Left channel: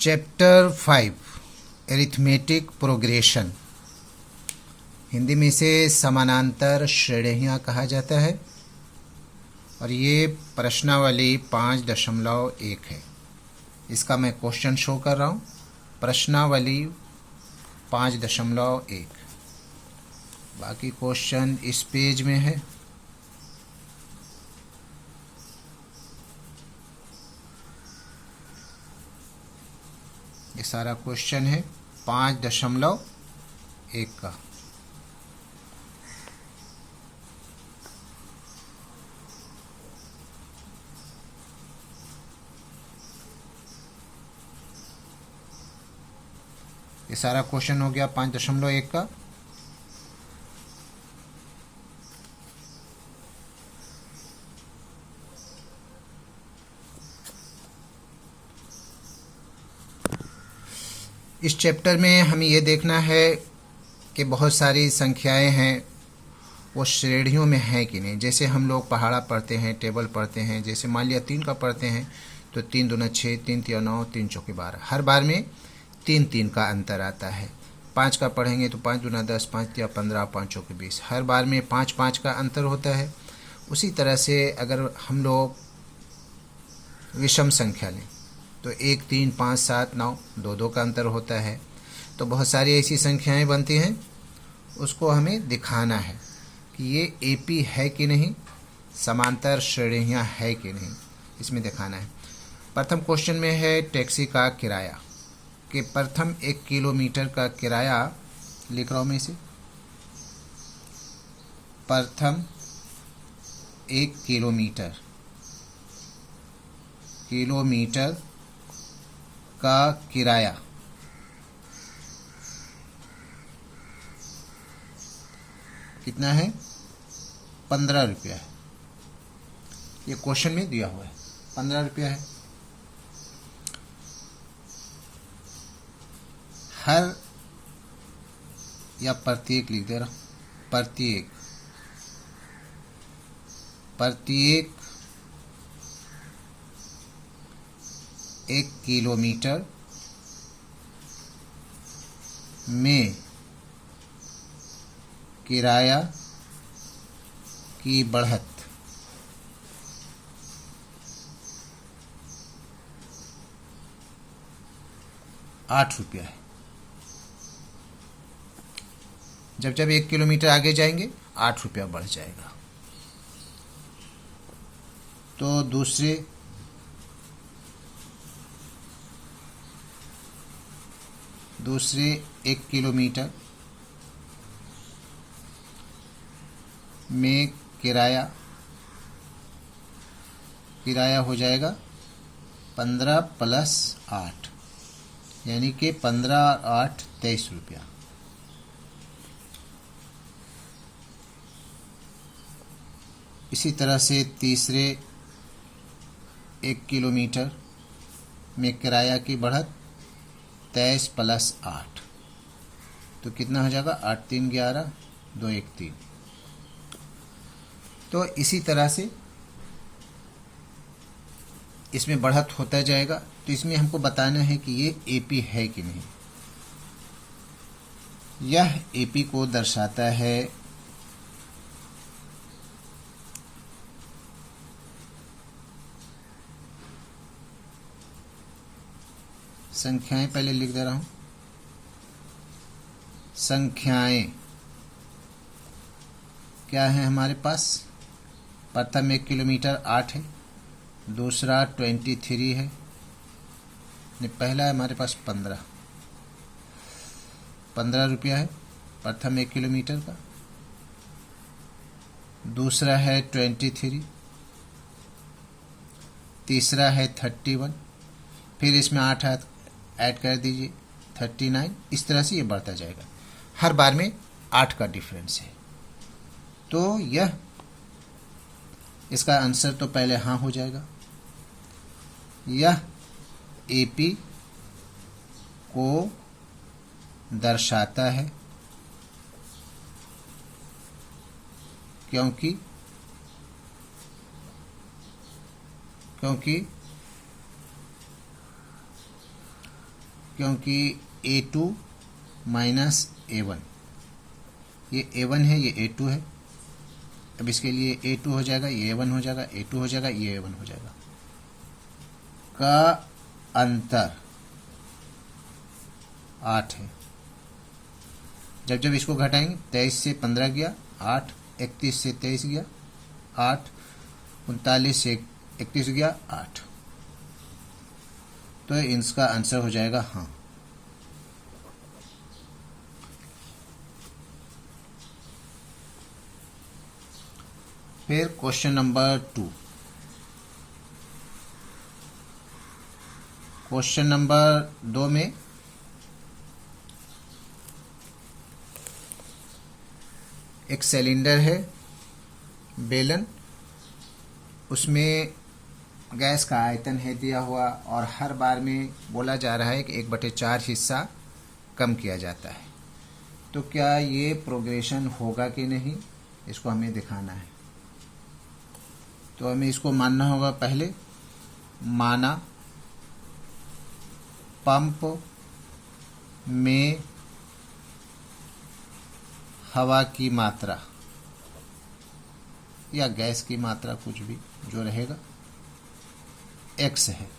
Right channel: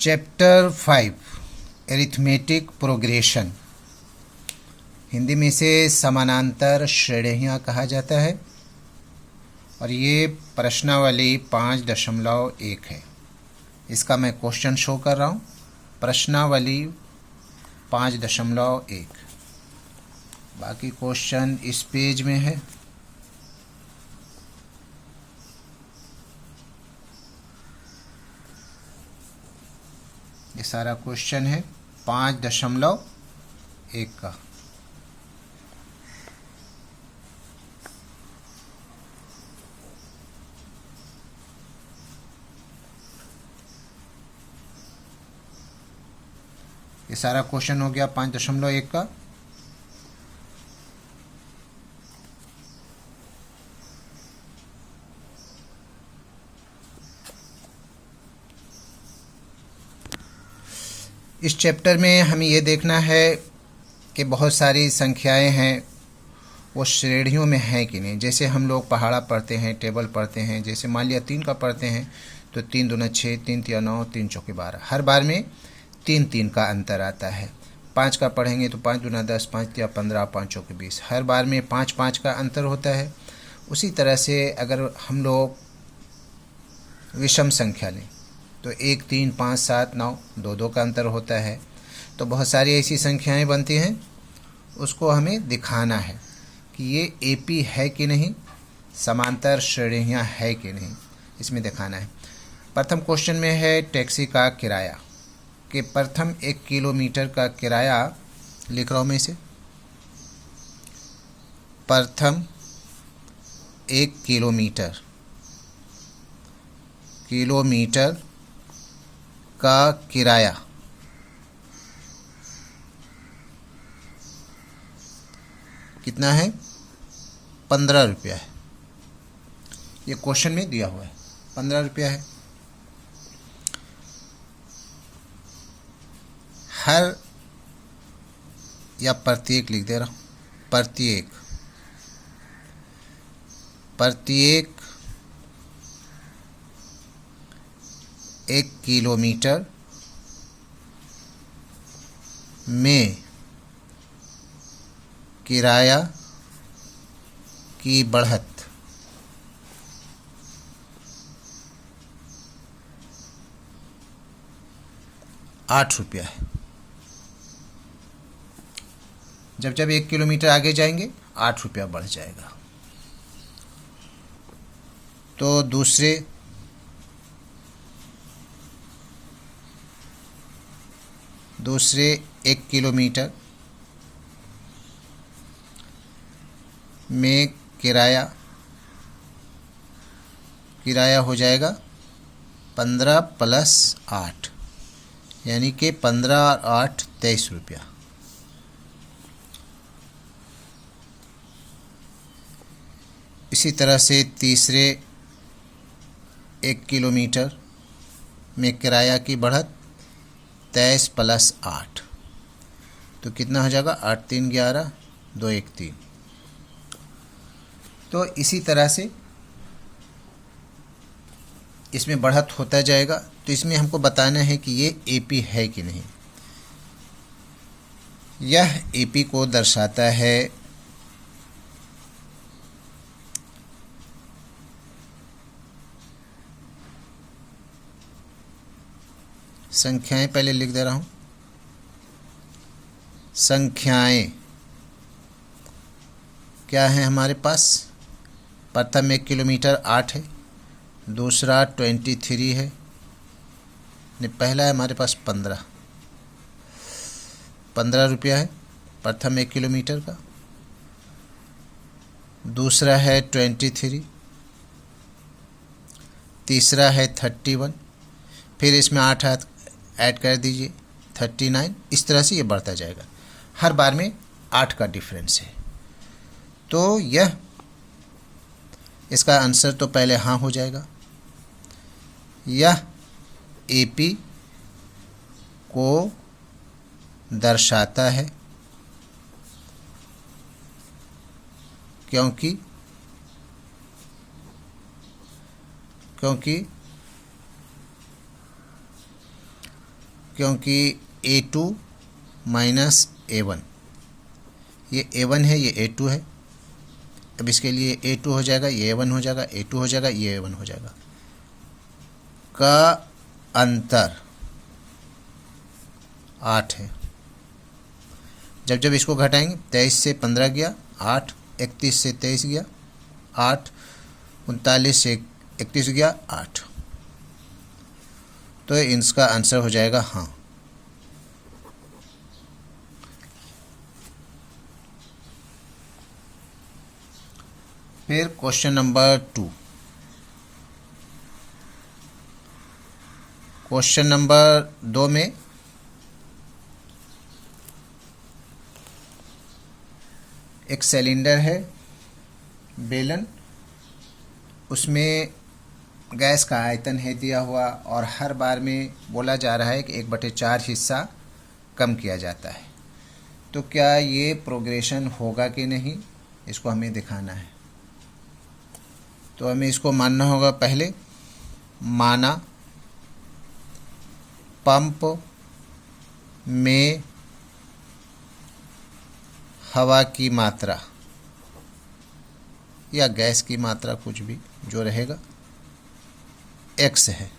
Chapter 5 arithmetic progression, Hindi में इसे समानांतर श्रेणियाँ कहा जाता है और ये प्रश्नावली 5.1 है। इसका मैं क्वेश्चन शो कर रहा हूँ। प्रश्नावली 5.1। बाकी क्वेश्चन इस पेज में है। ये सारा क्वेश्चन है 5.1 का। ये सारा क्वेश्चन हो गया 5.1 का। इस चैप्टर में हमें ये देखना है कि बहुत सारी संख्याएं हैं, वो श्रेणियों में हैं कि नहीं। जैसे हम लोग पहाड़ा पढ़ते हैं, टेबल पढ़ते हैं। जैसे मान लिया 3 का पढ़ते हैं तो 3 दूना 6, 3 तिया 9, 3 चौके 12। हर बार में 3 का अंतर आता है। 5 का पढ़ेंगे तो 5 दूना 10, 5 तिया 15, 5 चौके 20। हर बार में 5 का अंतर होता है। उसी तरह से अगर हम लोग विषम संख्या लें तो 1, 3, 5, 7, 9, 2 का अंतर होता है। तो बहुत सारी ऐसी संख्याएं बनती हैं, उसको हमें दिखाना है कि ये एपी है कि नहीं, समांतर श्रेणियां है कि नहीं, इसमें दिखाना है। प्रथम क्वेश्चन में है टैक्सी का किराया, कि प्रथम 1 किलोमीटर का किराया लिख रहा हूं मैं इसे। प्रथम 1 किलोमीटर का किराया कितना है? 15 रुपया है। ये क्वेश्चन में दिया हुआ है 15 रुपया है। हर या प्रत्येक लिख दे रहा हूं। प्रत्येक 1 किलोमीटर में किराया की बढ़त ₹8 है। जब 1 किलोमीटर आगे जाएंगे ₹8 बढ़ जाएगा। तो दूसरे 1 किलोमीटर में किराया हो जाएगा 15 + 8, यानी कि 15 और 8 ₹23। इसी तरह से तीसरे 1 किलोमीटर में किराया की बढ़त 23 + 8, तो कितना हो जाएगा? 8 × 3 = 11, 2 × 1 = 3। तो इसी तरह से इसमें बढ़त होता जाएगा। तो इसमें हमको बताना है कि ये एपी है कि नहीं। यह एपी को दर्शाता है संख्याएं पहले लिख दे रहा हूं। संख्याएं क्या है हमारे पास? प्रथम 1 किलोमीटर 8 है, दूसरा 23 है, पहला है हमारे पास 15 रुपया है प्रथम 1 किलोमीटर का। दूसरा है 23, तीसरा है 31, फिर इसमें 8 ऐड कर दीजिए 39। इस तरह से ये बढ़ता जाएगा। हर बार में 8 का डिफरेंस है। तो यह इसका आंसर तो पहले हाँ हो जाएगा। यह एपी को दर्शाता है क्योंकि क्योंकि A2 माइनस A1, ये A1 है, ये A2 है। अब इसके लिए A2 हो जाएगा, ये A1 हो जाएगा, A2 हो जाएगा, ये A1 हो जाएगा। का अंतर 8 है। जब जब इसको घटाएंगे, 23 से 15 गया 8, 31 से 23 गया 8, 39 से 31 गया 8। तो इसका आंसर हो जाएगा हाँ। फिर क्वेश्चन नंबर 2। क्वेश्चन नंबर 2 में एक सिलेंडर है, बेलन, उसमें गैस का आयतन है दिया हुआ और हर बार में बोला जा रहा है कि 1/4 हिस्सा कम किया जाता है। तो क्या ये प्रोग्रेशन होगा कि नहीं, इसको हमें दिखाना है। तो हमें इसको मानना होगा। पहले माना पंप में हवा की मात्रा या गैस की मात्रा, कुछ भी जो रहेगा, x है,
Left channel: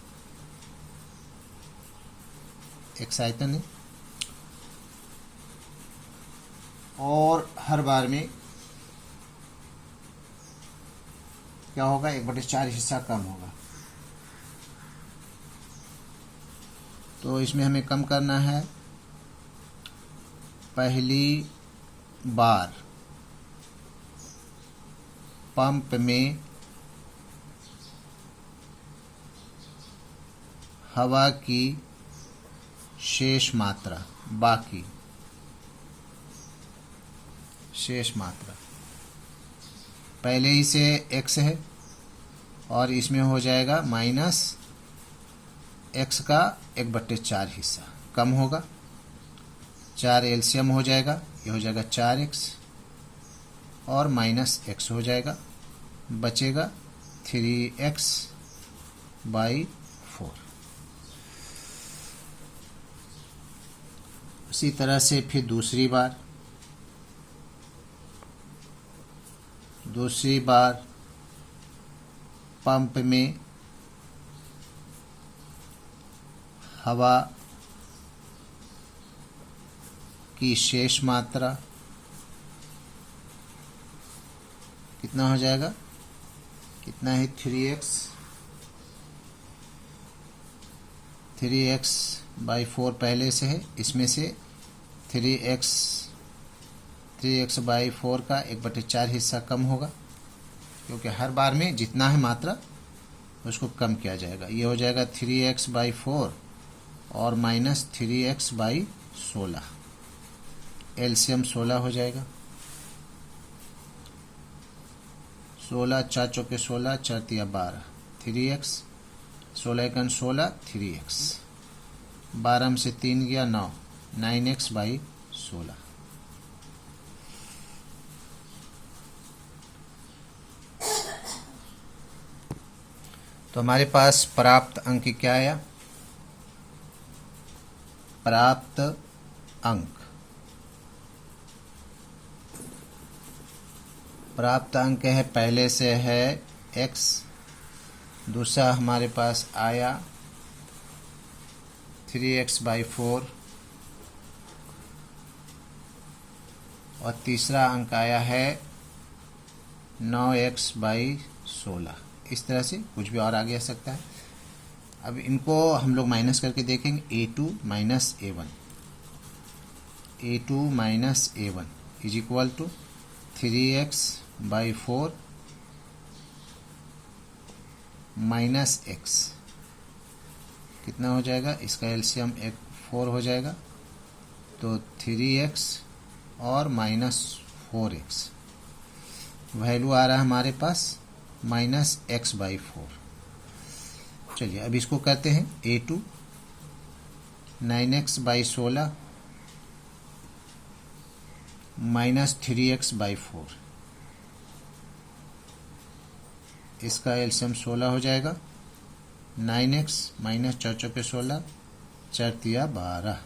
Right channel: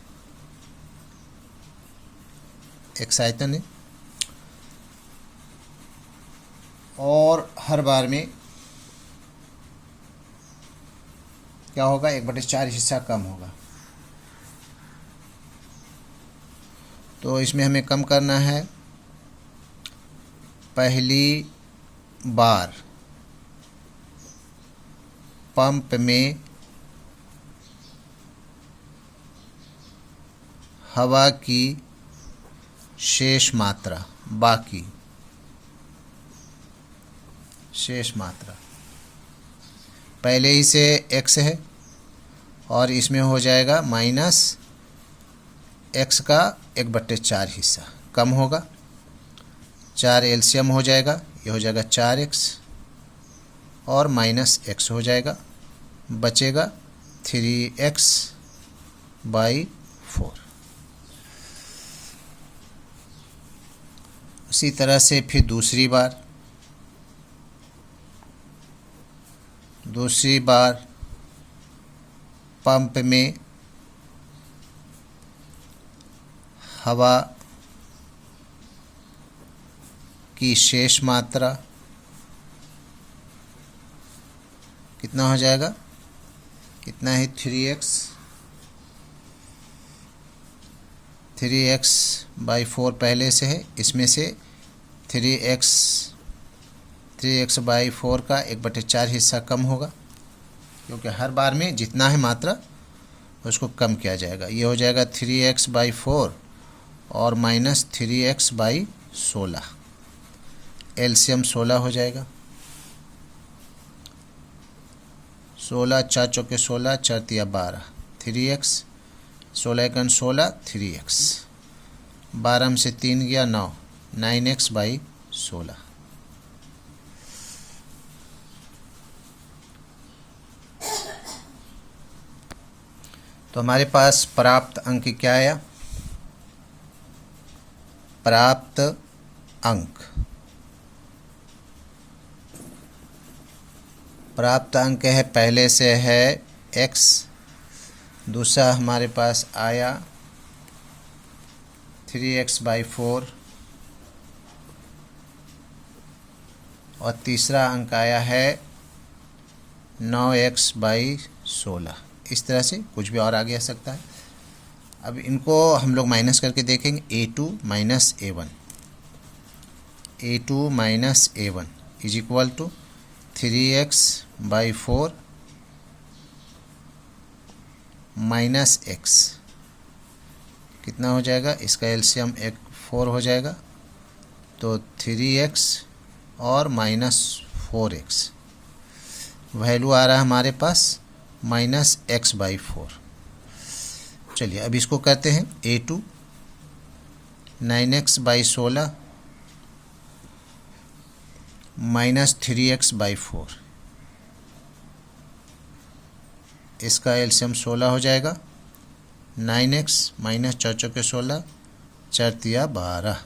x आयतन है, और हर बार में क्या होगा, 1/4 हिस्सा कम होगा। तो इसमें हमें कम करना है। पहली बार पंप में हवा की शेष मात्रा, बाकी शेष मात्रा, पहले ही से x है और इसमें हो जाएगा माइनस x का 1/4 हिस्सा कम होगा। 4 एलसीएम हो जाएगा, ये हो जाएगा 4x और माइनस x हो जाएगा, बचेगा 3x/4। उसी तरह से फिर दूसरी बार पंप में हवा की शेष मात्रा कितना हो जाएगा, कितना है, 3x/4 पहले से है, इसमें से 3x/4 का 1/4 हिस्सा कम होगा, क्योंकि हर बार में जितना है मात्रा उसको कम किया जाएगा। ये हो जाएगा 3x/4 और माइनस 3x/16, एलसीएम 16 हो जाएगा। 16, 4 चौके 16, 4 तिया 12, 3x, 16 एकन 16, 3x, 12 में से 3 गया 9, 9x/16। तो हमारे पास प्राप्त अंक क्या आया, प्राप्त अंक है, पहले से है x, दूसरा हमारे पास आया 3x/4 और तीसरा अंक आया है 9x/16। इस तरह से कुछ भी और आगे आ सकता है। अब इनको हम लोग माइनस करके देखेंगे। A2 minus A1 is equal to 3x/4 minus x, कितना हो जाएगा, इसका एलसीएम 4 हो जाएगा, तो 3x और माइनस 4x, वैल्यू आ रहा है हमारे पास माइनस x/4। चलिए अब इसको करते हैं। A2 9x/16 माइनस 3x/4, इसका एलसीएम 16 हो जाएगा। 9x माइनस 4 चौके 16, 4 × 12,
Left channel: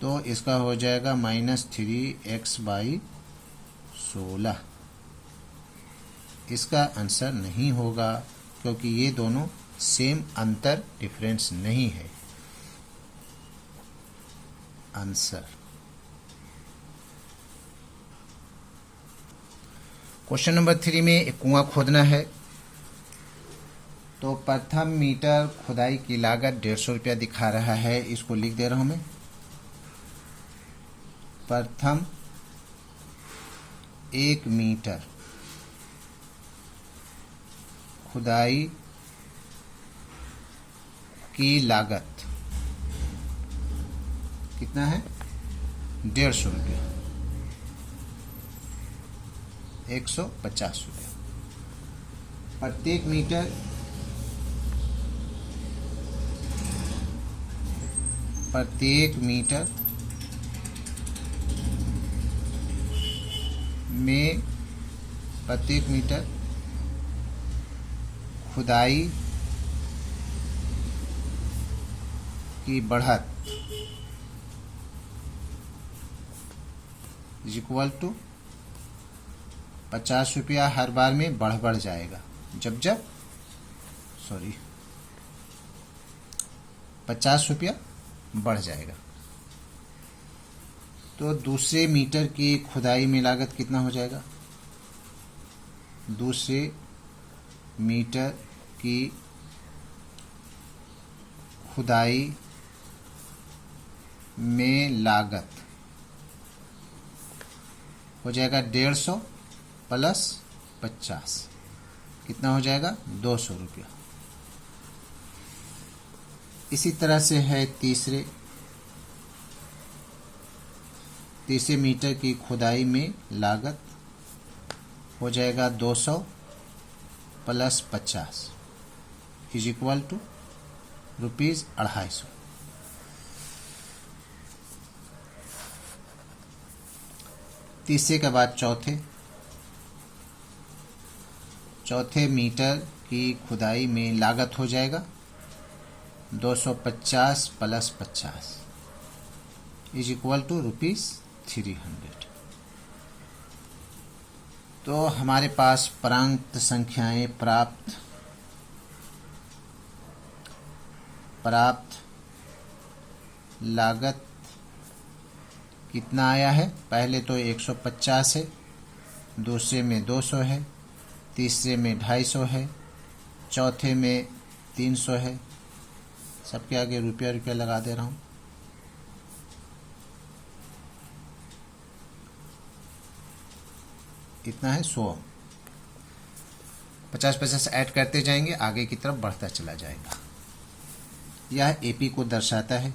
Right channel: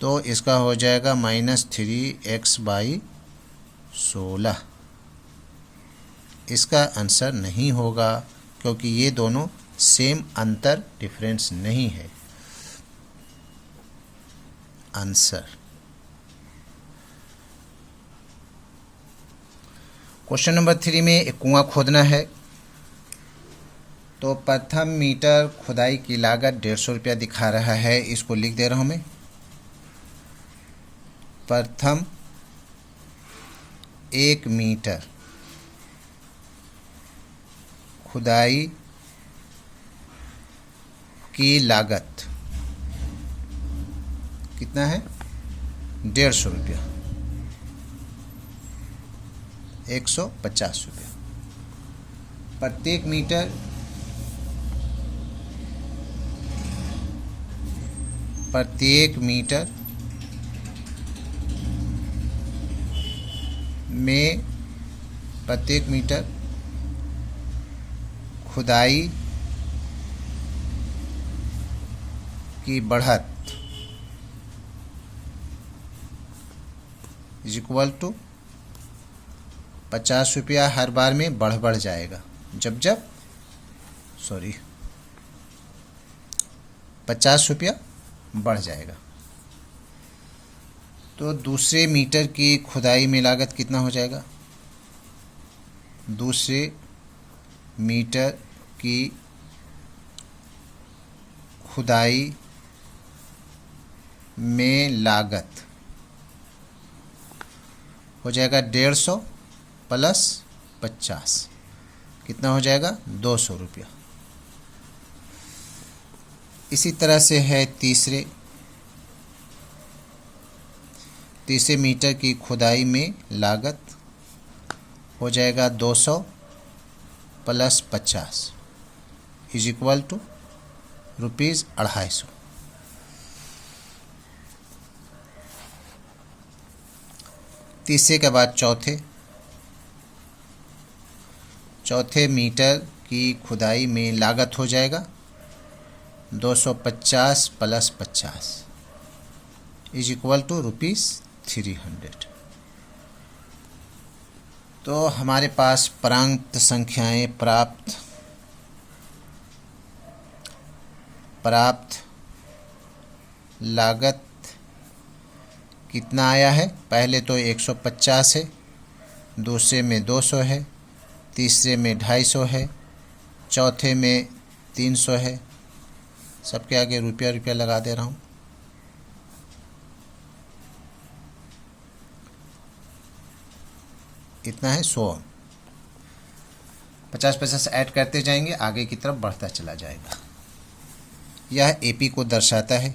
तो इसका हो जाएगा -3x/16। इसका आंसर नहीं होगा क्योंकि ये दोनों सेम अंतर डिफरेंस नहीं है। आंसर क्वेश्चन नंबर 3 में एक कुआं खोदना है। तो प्रथम मीटर खुदाई की लागत 150 रुपया दिखा रहा है। इसको लिख दे रहा हूं मैं। प्रथम 1 मीटर खुदाई की लागत कितना है? 150 रुपया, 150 रुपया। प्रत्येक मीटर में प्रत्येक मीटर खुदाई की बढ़त इज इक्वल टू 50 रुपया हर बार में बढ़ जाएगा। जब 50 रुपया बढ़ जाएगा। तो दूसरे मीटर की खुदाई में लागत कितना हो जाएगा? दूसरे मीटर की खुदाई में लागत हो जाएगा 150 प्लस 50, कितना हो जाएगा? 200 रुपया। इसी तरह से है तीसरे मीटर की खुदाई में लागत हो जाएगा 200 प्लस 50 इज इक्वल टू ₹250। तीसरे के बाद चौथे मीटर की खुदाई में लागत हो जाएगा 250 प्लस 50 इज इक्वल टू ₹300। तो हमारे पास प्रांत संख्याएं प्राप्त लागत कितना आया है? पहले तो 150 है, दूसरे में 200 है, तीसरे में 250 है, चौथे में 300 है। सबके आगे रुपया लगा दे रहा हूँ। इतना है 100। 50-50 ऐड करते जाएंगे, आगे की तरफ बढ़ता चला जाएगा। यह एपी को दर्शाता है,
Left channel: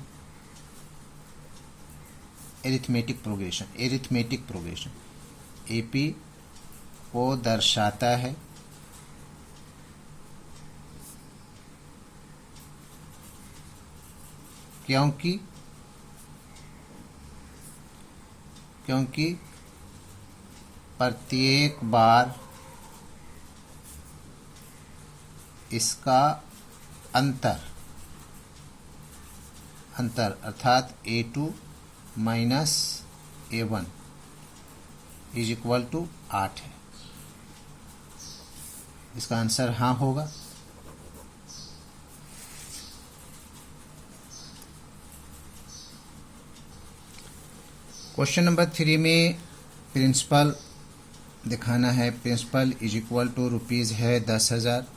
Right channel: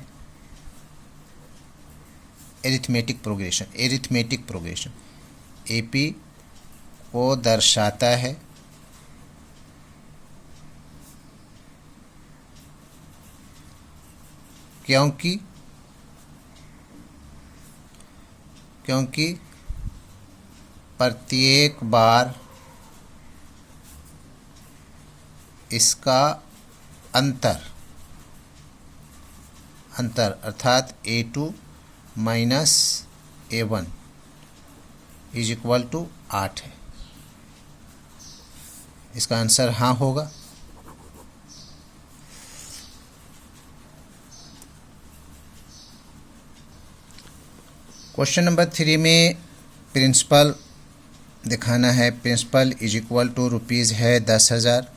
एरिथमेटिक प्रोग्रेशन एपी को दर्शाता है क्योंकि प्रत्येक बार इसका अंतर अर्थात A2 minus A1 is equal to 8 है। इसका आंसर हाँ होगा। क्वेश्चन नंबर 3 में प्रिंसिपल दिखाना है। Principal is equal to rupees है 10,000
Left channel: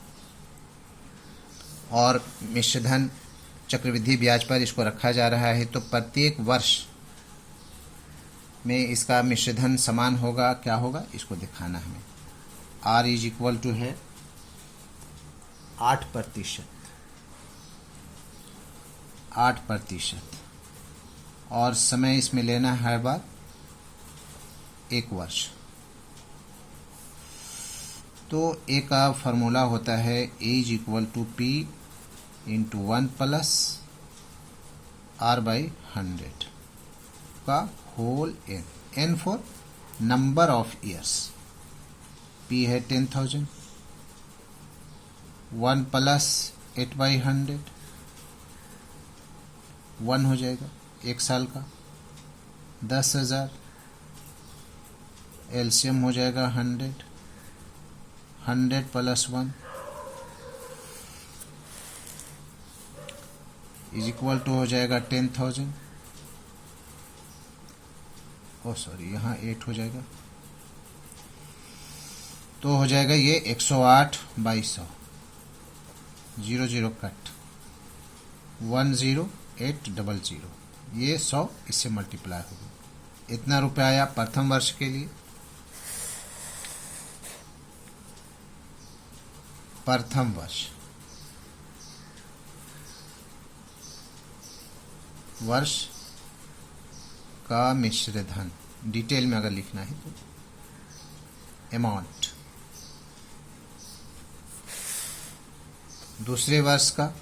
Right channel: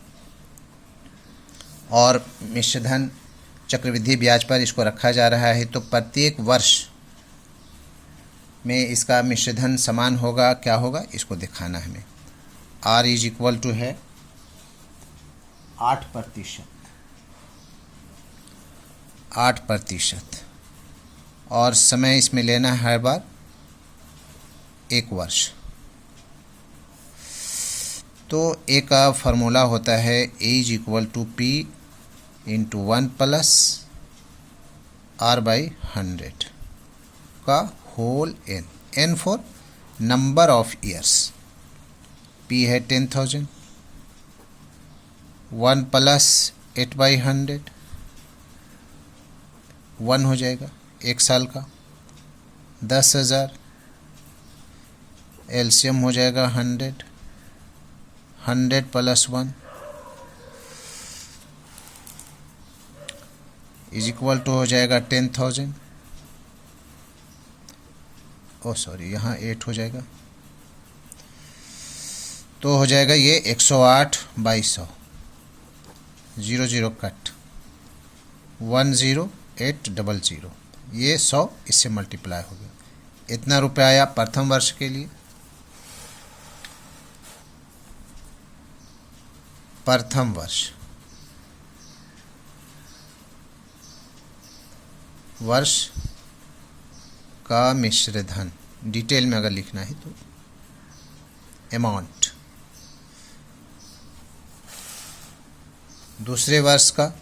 और मिश्रधन चक्रवृद्धि ब्याज पर इसको रखा जा रहा है। तो प्रत्येक वर्ष में इसका मिश्रधन समान होगा, क्या होगा इसको दिखाना है हमें। R इज इक्वल टू है 8% और समय इसमें लेना है हर बार 1 वर्ष। तो A का फॉर्मूला होता है A is equal to P into 1 plus R/100 का whole n for number of years. P है 10,000, 1 प्लस 8/100 1 हो जाएगा 1 साल का। 10,000 एलसीएम हो जाएगा 100, 100 प्लस 1 इज इक्वल टू हो जाएगा 10,000। ओ सॉरी, यहाँ 8 हो जाएगा, तो हो जाएगा ये 108/100, 00 कट 10800, ये 100 इससे मल्टीप्लाई हो गया। इतना रुपया आया प्रथम वर्ष के लिए। प्रथम वर्ष का मिश्र धन, डिटेल में अगर लिखना है तो अमाउंट। दूसरे वर्ष का,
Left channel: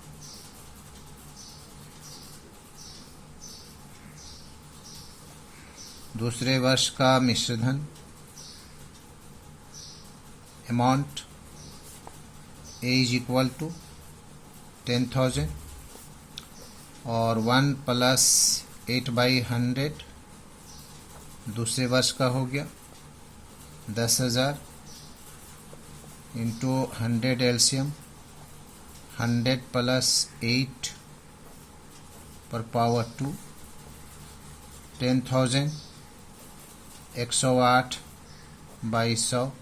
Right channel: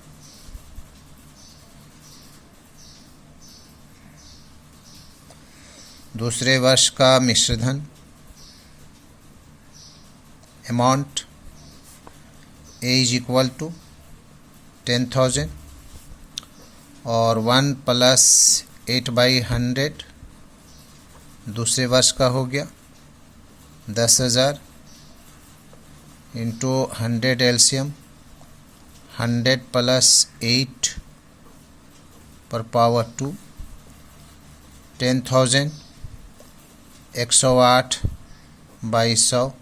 दूसरे वर्ष का मिश्र धन amount A is equal to 10,000 और 1 प्लस 8/100 दूसरे वर्ष का हो गया 10,000 इंटू 100 एलसीएम, 100 प्लस 8 पर पावर 2, 10,000 108/100,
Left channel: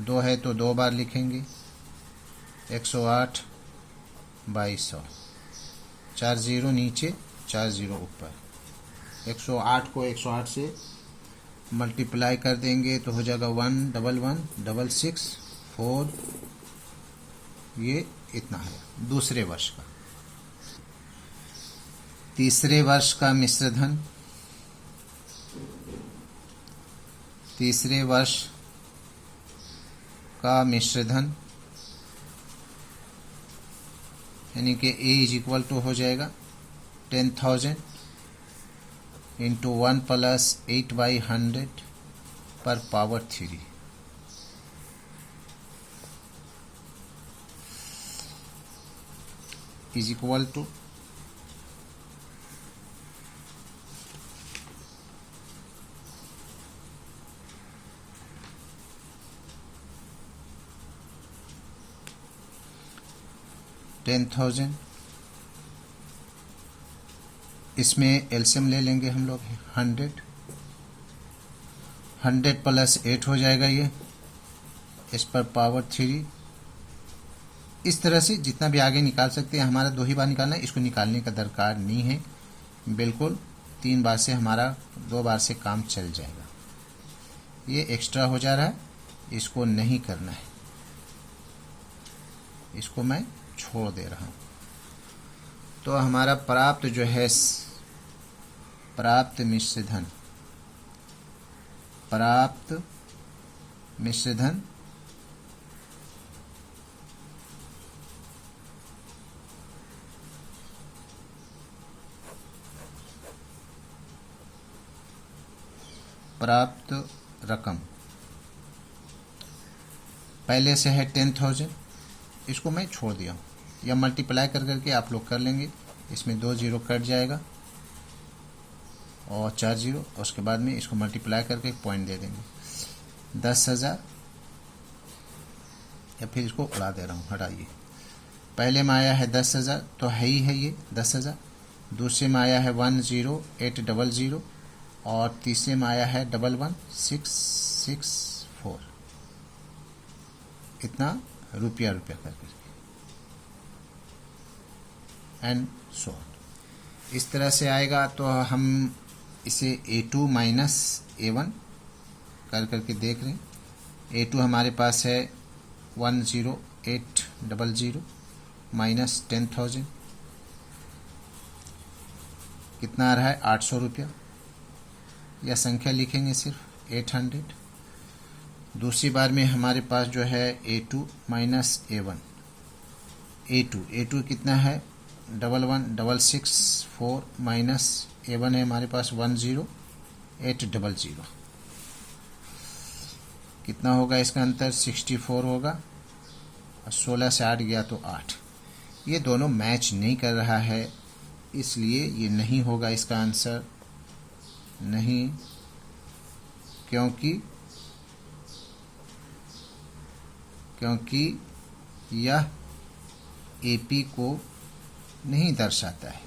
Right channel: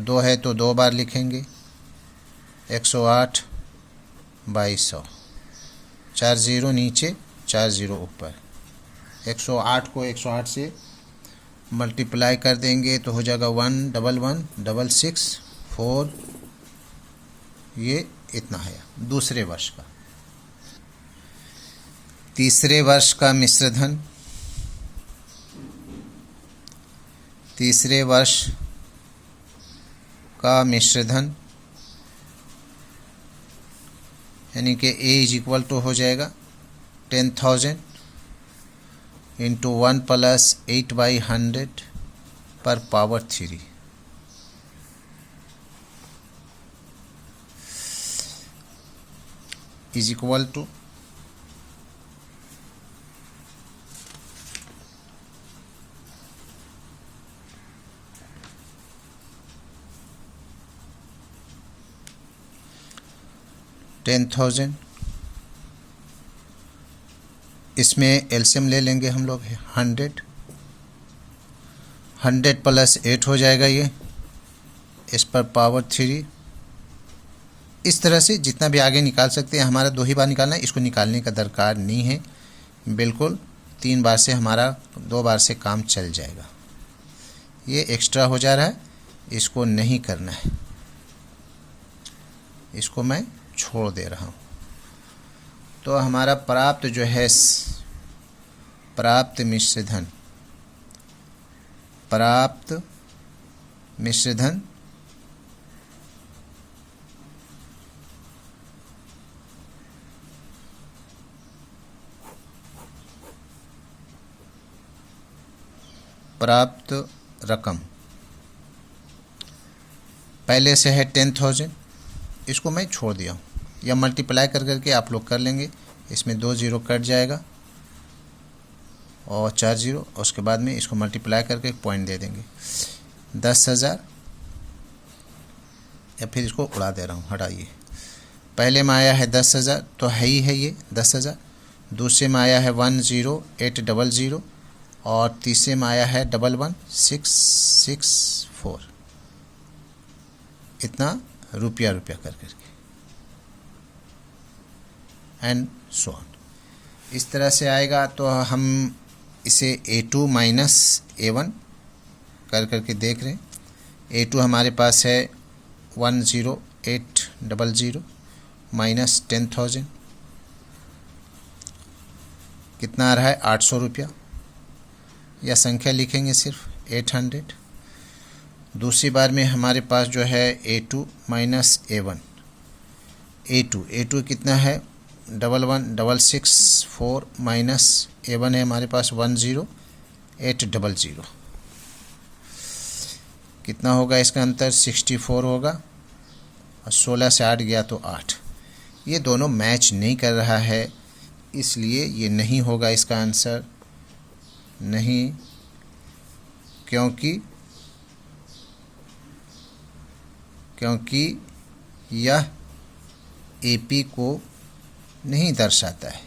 2 है तो 2 बार लिखेंगे, 108/100, 4 0 नीचे 4 0 ऊपर। 108 को 108 से मल्टीप्लाई कर देंगे तो हो जाएगा 1116664, ये इतना है दूसरे वर्ष का। तीसरे वर्ष का मिश्र धन, तीसरे वर्ष का मिश्र धन यानी कि ए इज इक्वल टू हो जाएगा 10,000 इंटू 1 प्लस 8/100 पर पावर 3 इज इक्वल टू 10,000, इसमें एलसीएम ले लेंगे हम लोग 100, 100 प्लस 8 हो जाएगा ये, इस पर पावर 3। इस तरह से जितना भी आगे निकाल सकते हैं, हमारा 2 ही बार निकालना है, इसको निकालने का दरकार नहीं है, बिल्कुल 3 बार से हमारा 2 बार से काम चल जाएगा। ये एक्स्ट्रा हो जा रहा है, इसको नहीं करना है, इसको मैं छोड़ दे रहा हूँ। तो हमारा प्राप्त जो है प्राप्त मिश्र धन, प्राप्त मिश्र धन प्राप्त रकम पहले से है 10,000, इसको मैं छोड़ दिया हूँ, या मल्टीप्लाई कर करके आप लोग कर लेंगे, इसमें 2 0 कट जाएगा और 4 0, और उसके बाद में इसको मल्टीप्लाई करके एक पॉइंट दे देंगे 10,000, या फिर इसको उड़ा दे रहा हूँ, हटाइए। पहले में आया है 10,000 तो है ही है ये 10,000, दूसरे में आया है 10800 और तीसरे में आया है 11664, इतना रुपया कर करके एंड सो ऑन। इस तरह से आएगा तो हम इसे A2 माइनस A1 कर करके देख रहे हैं। A2 हमारे पास है 10800 माइनस 10,000, कितना आ रहा है 800 रुपया, या संख्या लिखेंगे सिर्फ 800। दूसरी बार में हमारे पास जो है A2 माइनस A1, A2 कितना है 11664 माइनस A1 है हमारे पास 10800, कितना होगा इसका अंतर 64 होगा, और 16 से 8 गया तो 8। ये दोनों मैच नहीं कर रहा है, इसलिए ये नहीं होगा इसका आंसर, नहीं, क्योंकि यह एपी को नहीं दर्शाता है।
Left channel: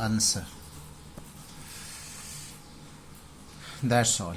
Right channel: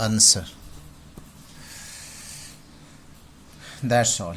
Answer, that's all.